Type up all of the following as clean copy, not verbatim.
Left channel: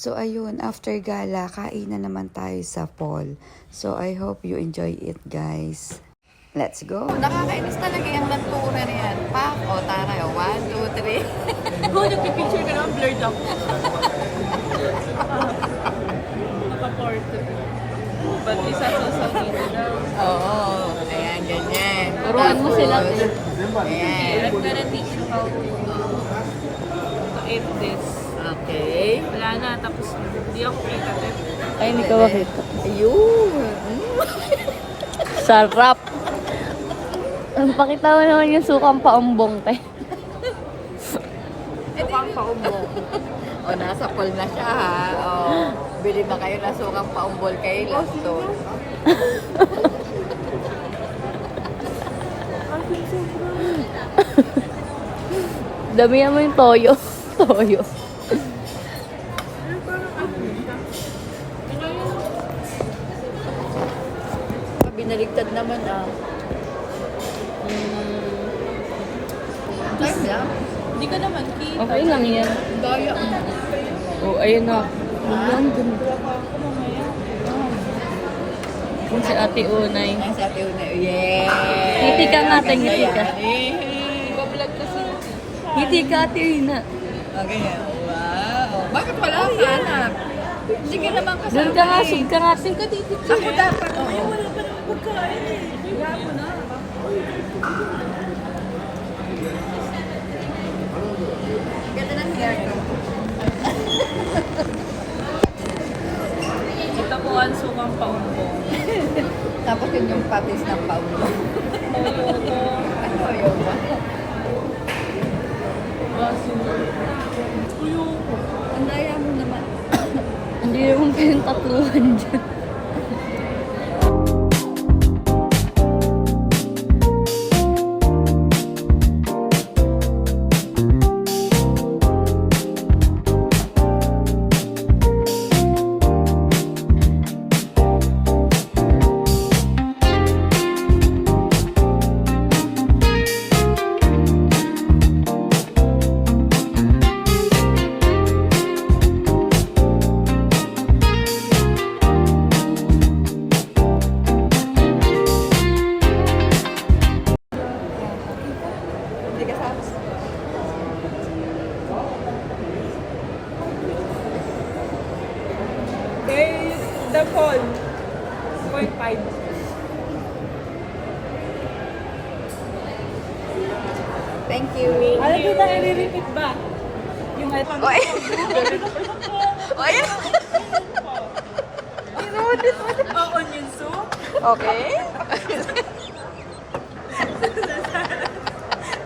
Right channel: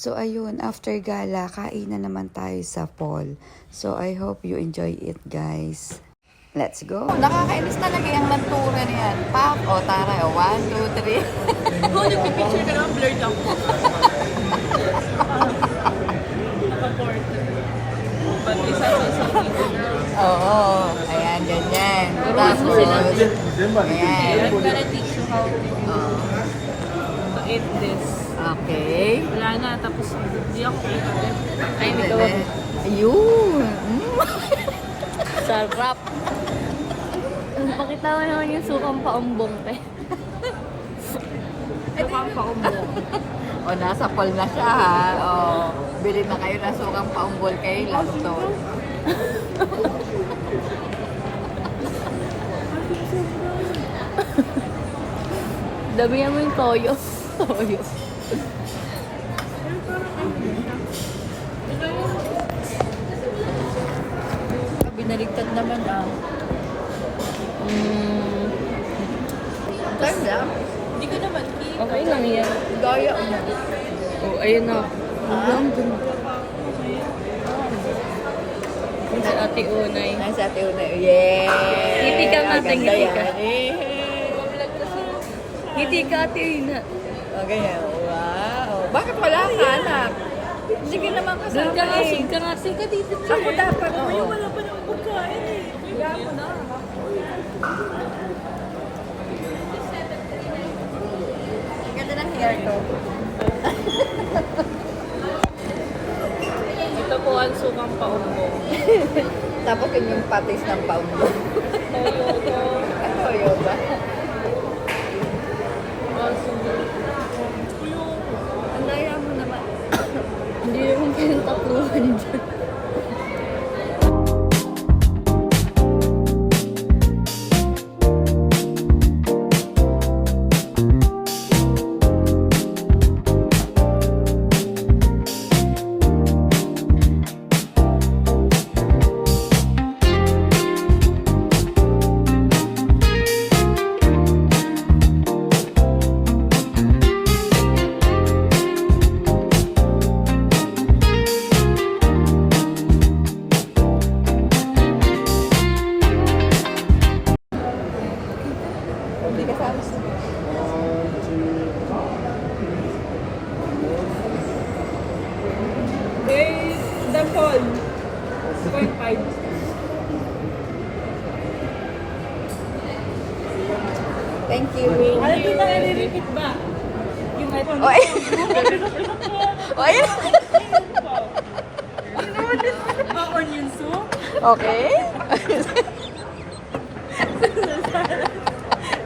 So ayun, after gala, kain na naman tayo sa Paul. So I hope you enjoy it, guys. Let's go! Nakakainis talaga yung nagtura niyan. Pak, o tara, 1, 2, 3. Kung nagpipicture ka lang, blurred ako. Naka-porto. But isa sa mirror. Oo, ayan, ganyan. Tapos, ayan. I'm gonna teach you how to eat this. Okay. Wala na, tapos hindi ako kita. Ay, hindi ko. Ayun. Sarap! Pakita mo naman yung sukang paumbong, te. Sukang paumbong. O, nasa Paul na siya, ha? O, bili na kayo na sukang paumbol kay Lantol. Damihan mo yung toyo. Toyo. Binaligtad naman, Ganda. Hindi ko naman kita. Okay lang yan. Daya mo. Oh, ayun na. Ang ganda. Sa ate Unay. Nasa ate una. Yeah! Ngiti ka nga, te, Ganda ngiti yan. ka. Iba-vlog kasi. Hindi ka ate Ina. Okay. Wow. Bakit wala ka, anak? Hindi ka naman kasama. Doon ka nga, sud ka nga. Ka dito. Ako dapat. Wala pa naman pagkain eh. Gago na. Ganda ng hair ko. Ito po ang sukang paumbong. Tapos yun yung patis ng paulo. Ano yun? Ang daya mo naman. Hindi naman kayong tatluhan dyan. Hindi ka sa The Paul. 0.5. Thank you. Ano din na nare-repeat ba? Yung iPhone. Oy! Oy! Onion soup. Okay.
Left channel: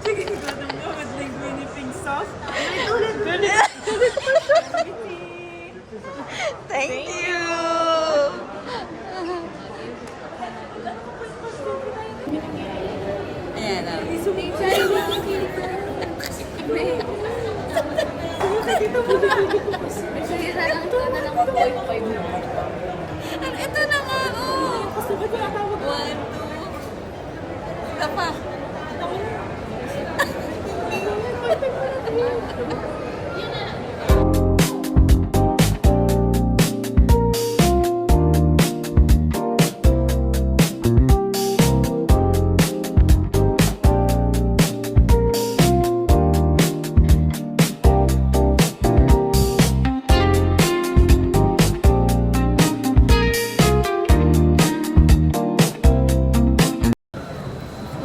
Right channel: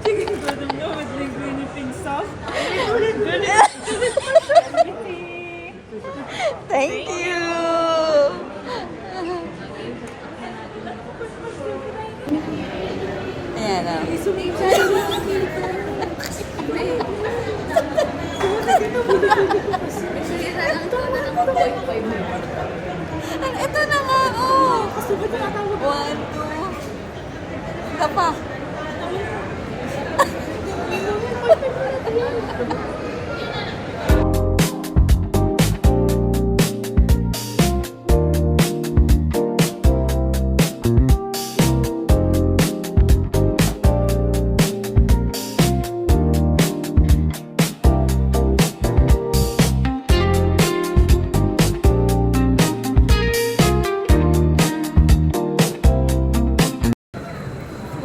Chicken godong with linguine pink sauce. Thank you. Ayan o. Ito na nga, oh. Gusto ba tinatawag? 1, 2. Isa pa.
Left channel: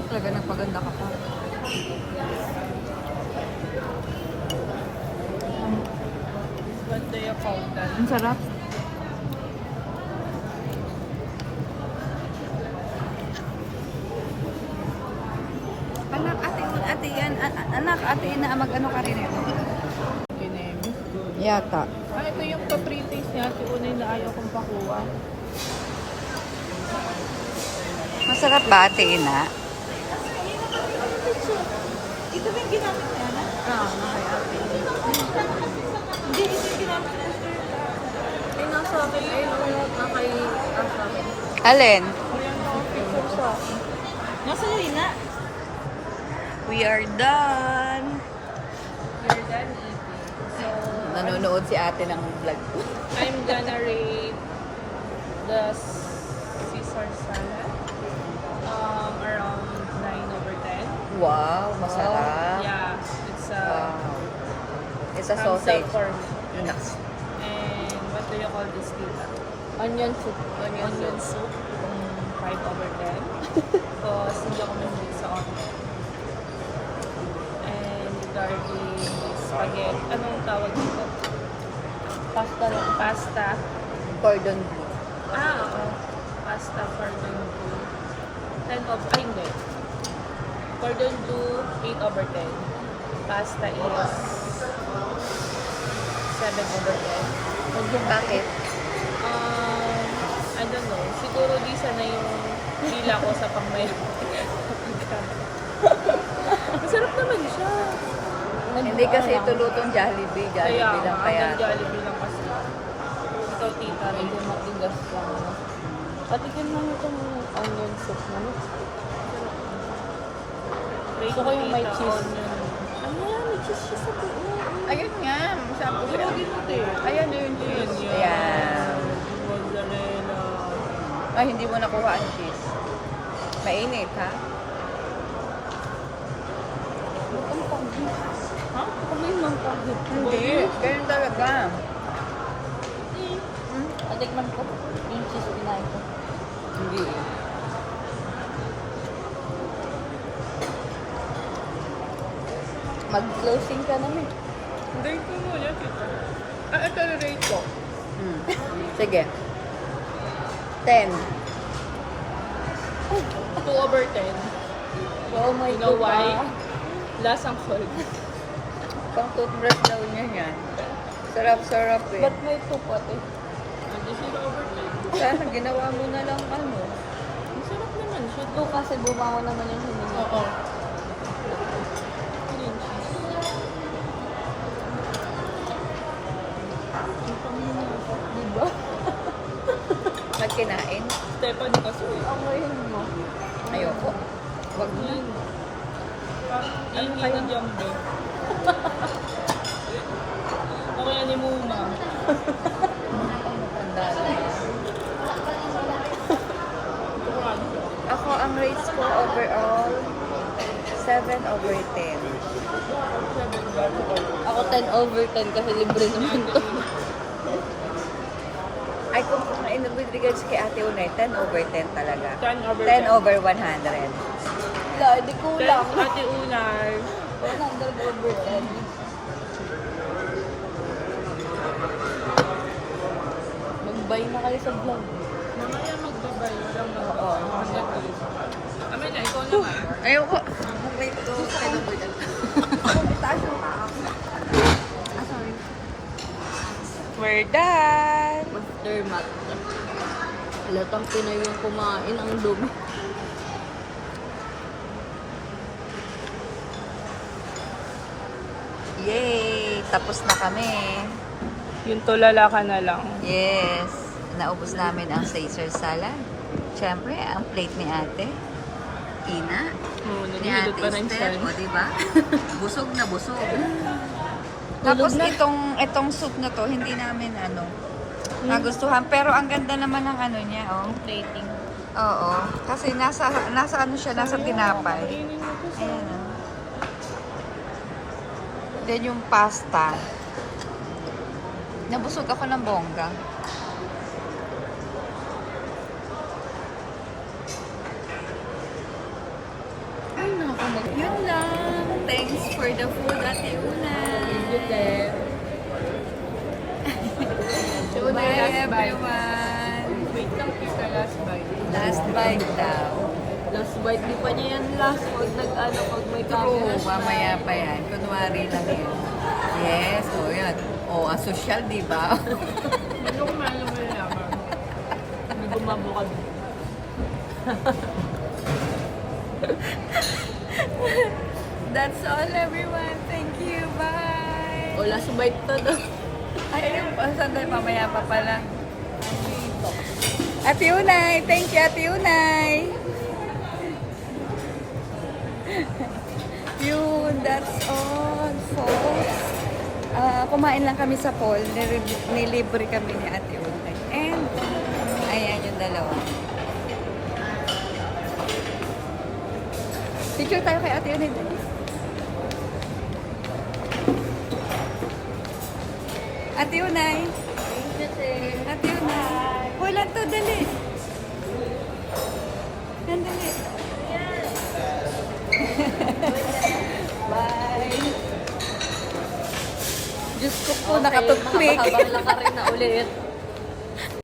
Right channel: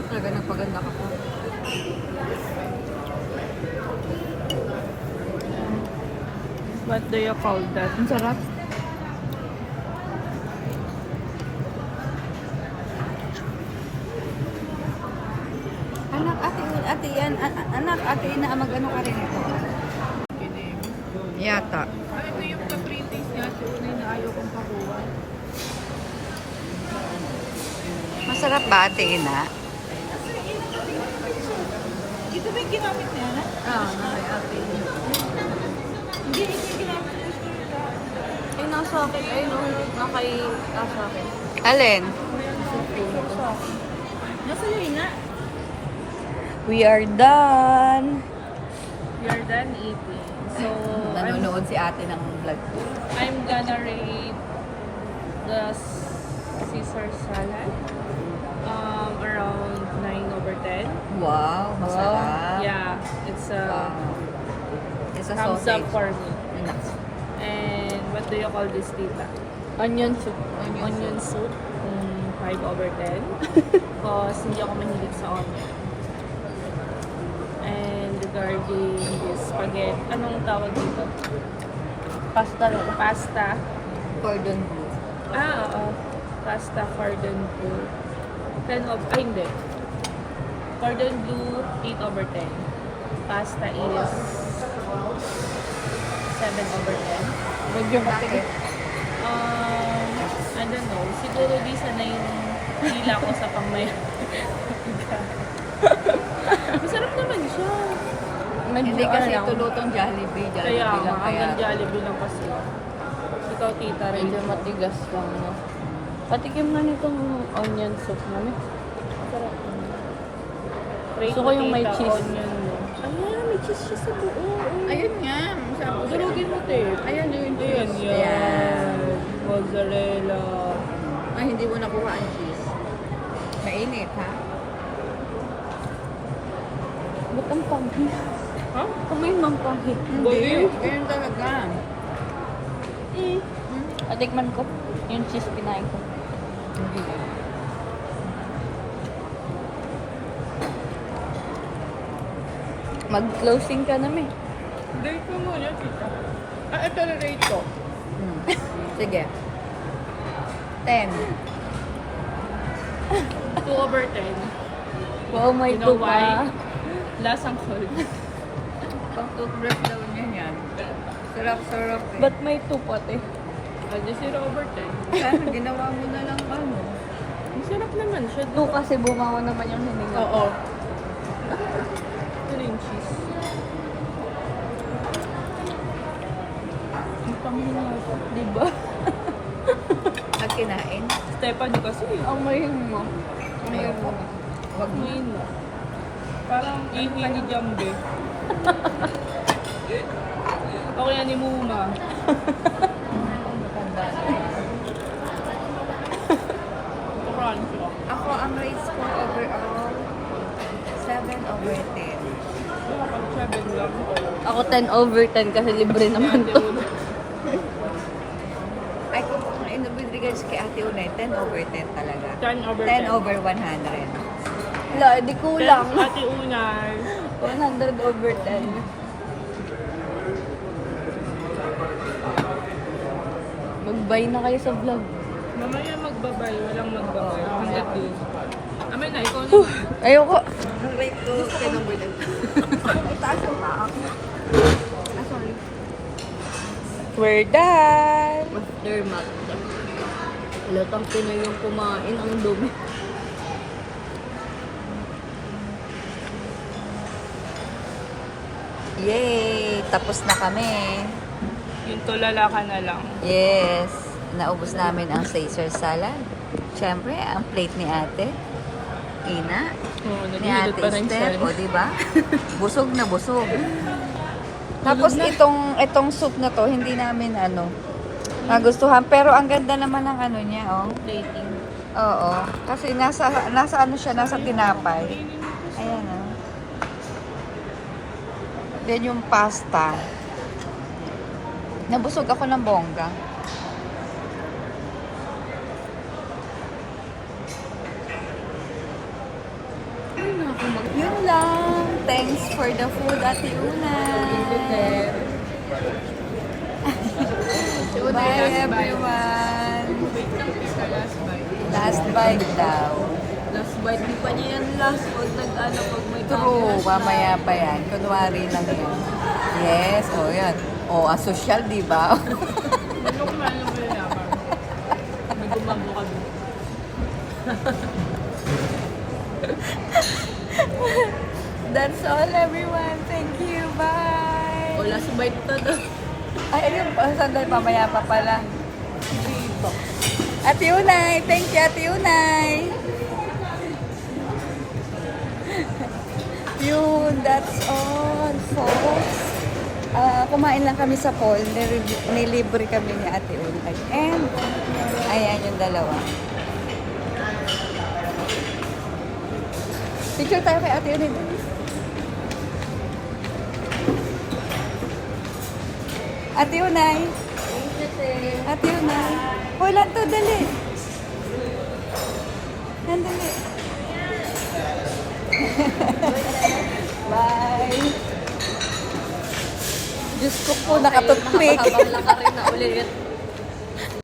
Talaga nagpaganda ka pa. What do you call that? Ang sarap. Anak, ate yan. Anak, ate ina, mag-ano ka rin ito? Kinim. Yata. Ito yung ka-pre-taste niya. Si Unay na ayaw kong pakuha. Masarap ba, ate ina? Ito ba yung ginamit niya na? Hindi, ito yung ginamit niya. Ay, nasa akin. Ay, na kay sa akin. Alin? Nasa Lina. We are done. We are done eating. So, nanonood si ate ng vlog ko. I'm gonna rate the Caesar salad around 9/10. Wow, masarap. Yeah, it's a Wow. It's a thumbs up sausage. for me. Nuts. And what do you call this, tita? Onion soup. Onion soup. 5/10. Because hindi ako mahilig sa onion. And regarding this spaghetti, anong tawag dito? Pasta. Cordon bleu. Oo. Pasta cordon bleu. 10 hindi. Cordon bleu, 8/10. Pasta is 7/10. Bakit? I don't know. Siguro di sana yung dila ko sa pangmaya. Masarap naman siya. Hindi kasi ito lutong Jollibee. Kaya, Jollibee lang kaya. hanggang Jollibee lang kasi. Ikaw, tita, rin yung matigas yun. Patikim na itong onion soup mo. Sarap mo. Rate mo, tita, onion mo. Ayan, may cheese siya sa buo. Ayun nga. Masyado ko siya. Durugin mo, tita. Ayan na yung Ayan, cheese. yan. Mozzarella. Ay, hindi mo nakuha ang cheese. Mainit, ha? Ha? May mangkahit. Hindi. Ganyan talaga. Patikman ko. Yung cheese pinay. Hindi. Mag-closing ka namin. Rate ko muna, tita. Ito na rate ko. Sige. 10. 2/10. Oh my You know God. why? Lasang cold. Pang toothbrush daw niya yan. Sarap-sarap eh. Ba't may 2 pati? Adi 0/10. Sana ginawa mo na lang ano. Masarap naman siya. Kasi buka naman yung hindi. Oo. Green cheese. Ang panginoso, diba? Magkinain. Stephanie kasi, may Ayoko. Wag mo. Ayun. Parang iwi ni Jambe. Okay na ni Muma. Pang matanda na. Ito crunchy. Ako, ang rate score overall, 7/10. Dapat 7 lang. Ako 10/10 kasi libre naman to. Ay, kung with regards kay Ate Unay, 10/10 talaga. 10/10. 10/100. Wala, di ko Then, lang. Ate Unay. 100/10. Mag-buy na kayo sa vlog. Mamaya magbabay. Walang magbabay. Oo. 100 days. Amin na, ikaw naman. Ayoko. Rate ko 10/10. Sorry. We're done. Aftermath. Halatang Pinoy yung kumain, ang dumi. Yay! Tapos na kami. Yung tulala ka na lang. Yes. Naubos namin ang Caesar salad. Siyempre, ang plate ni ate. Ina. Ni ate Esther. O, diba? Busog na busog. Tapos itong soup na to, hindi namin nagustuhan. Pero ang ganda naman ng ano niya, oh. Rating. Oo. Kasi nasa ano siya, nasa tinapay. Ayan, oh. Then yung pasta. Nabusog ako ng bongga. Yun lang. Thanks for the food, Ate Una. Bye, everyone. Last bite daw. Last bite, di pa niya yan last. Pag pag may True, mamaya pa yan. Kunwari lang yan. Yes, o yan. O, asosyal, di ba? Ano kumain mo yung laban? Gumabo ka. That's all, everyone. Thank you. Bye. Last bite pa daw. Ay, ayun. Sandali, mamaya pa pala. Ate Unay. Thank you, Ate Unay. Yun, that's all, folks. Kumain lang kami sa Paul. Nilibre kami ni Ate Unay. And, ayan yung dalawa. Picture tayo kay Ate Unay. Dali. Ate Unay. Ate Unay. Wala to, dali. Nandali. Bye. Diyos ko po, nakatutwig. Makakabang lang ka rin na ulit.